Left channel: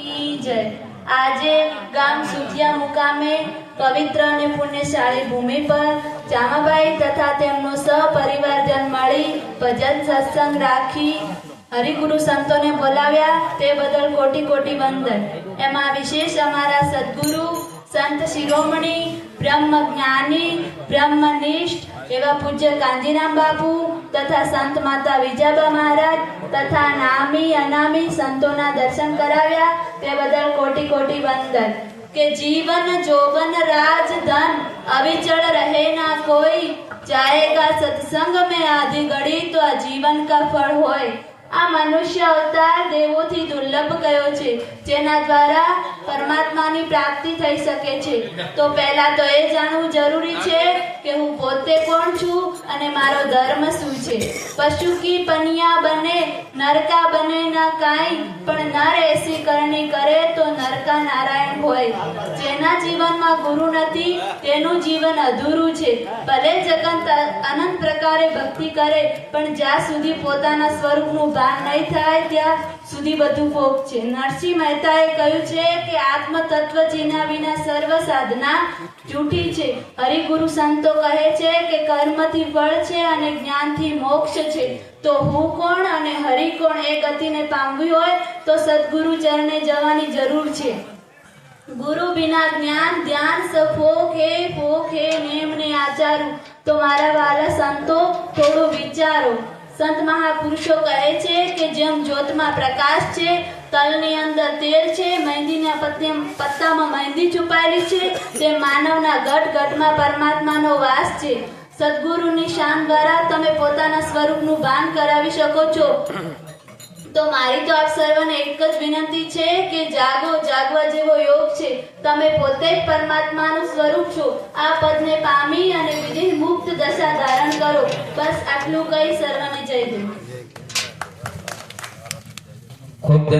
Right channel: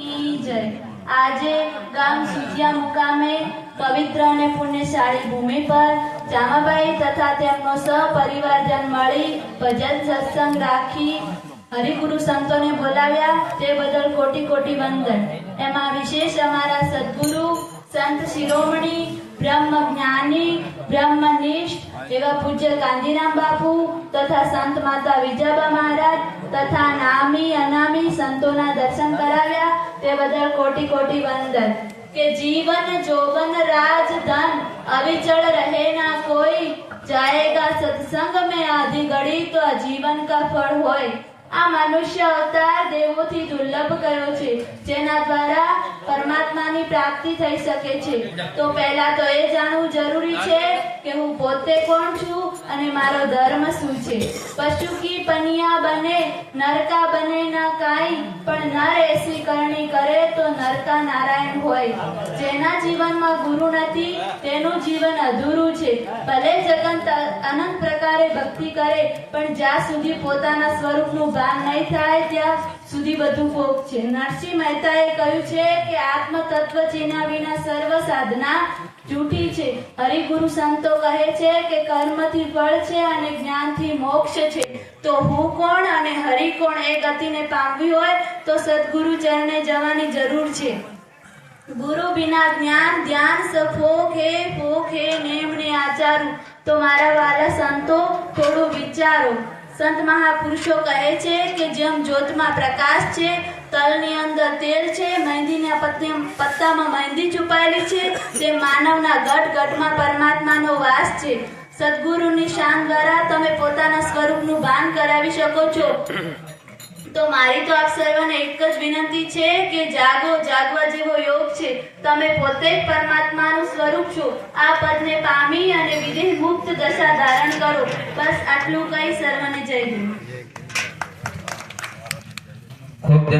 જય। આજે ગામ સુધિયા મુકામે પવિત્ર અને પુણ્યશાળી ભૂમિ પર જામાભાઈ તથા તેમનો સહપરિવારજન મળી ભજન સત્સંગ રાખી હરિગુરુ સંતોને બોલાવ્યા તે બદલ કોટી કોટી વંદન। એમાં વિશેષ અમારા સદગુરુ સંત શિરોમણી બ્રહ્મ જ્ઞાની બ્રહ્મનિષ્ઠ એવા પૂજ્ય કાંજીરામ બાપુ તથા સંત માતા વિજાબા મહારાજ તથા નામી અનામી સંતોના દર્શન કરાવ્યા તે બદલ કોટી કોટી વંદન। કે जीवन जोवन राज धन अविचल रहे ना कोई, जाएगा सत्संग में आधी घड़ी तो जीवन का फल होय। આ મનુષ્ય અવતાર દેવોથી દુર્લભ કયો છે જેના દ્વારા પરમાત્માની પ્રાપ્તિ થઈ શકે છે। તો પહેલા તો એ જાણવું જરૂરી છે કે હું પોતે કોણ છું અને મારો ધર્મ શું છે। પશુ કી પનિયા બને નરકા બને ના કાઈ, પણ નર એસી કરણી કરે તો નરકા નારાયણ હોય। જેના જીવનમાં ગુરુ નથી તેનું જીવન અધૂરું છે। ભલે જગત અનંત પ્રકારે ભક્તિ કરે પણ જ્યાં સુધી પોતાના સ્વરૂપનું ભાન નહીં થાય ત્યાં સુધી બધું ફોક છે। નરસિંહ મહેતાએ કહ્યું છે કે આત્મ તત્વ જેના વિના સર્વ સાધના જૂઠી છે। હરિગુરુ સંતો કહે છે કે કર્મથી ફળ છે અને જ્ઞાનથી મોક્ષ છે। તો હું કોણ અને હરિ કોણ એ ગતિને પામવી હોય તો સદગુરુ ચરણે જવાની જરૂર છે। ગુરુ બિના જ્ઞાન ધ્યાન ફોક હે નેમને આચારું। તો મારા વાલા સંતો થોડું વિચારો। સંત મહાપુરુષો કહે છે કે જેમ જ્યોતમાં પ્રકાશ છે, તલની અંદર તેલ છે, મહેંદીના પત્તામાં મહેંદી છુપાયેલી છે, તે માનવના ઘટ ઘટમાં પરમાત્માનો વાસ છે। સદગુરુની શાન દ્વારા તમે પોતાના સ્વરૂપનું ભાન કરાવી શકો છો। તો મારી તો આપ સર્વને એક જ વિનંતી છે કે જાગો, જાગવા જેવો યોગ છે। તમે પોતે જ પરમાત્માનું સ્વરૂપ છો। આ પદને પામી અને વિદેહ મુક્ત દશા ધારણ કરો। બસ આટલું કહી સર્વને જય ગુરુ।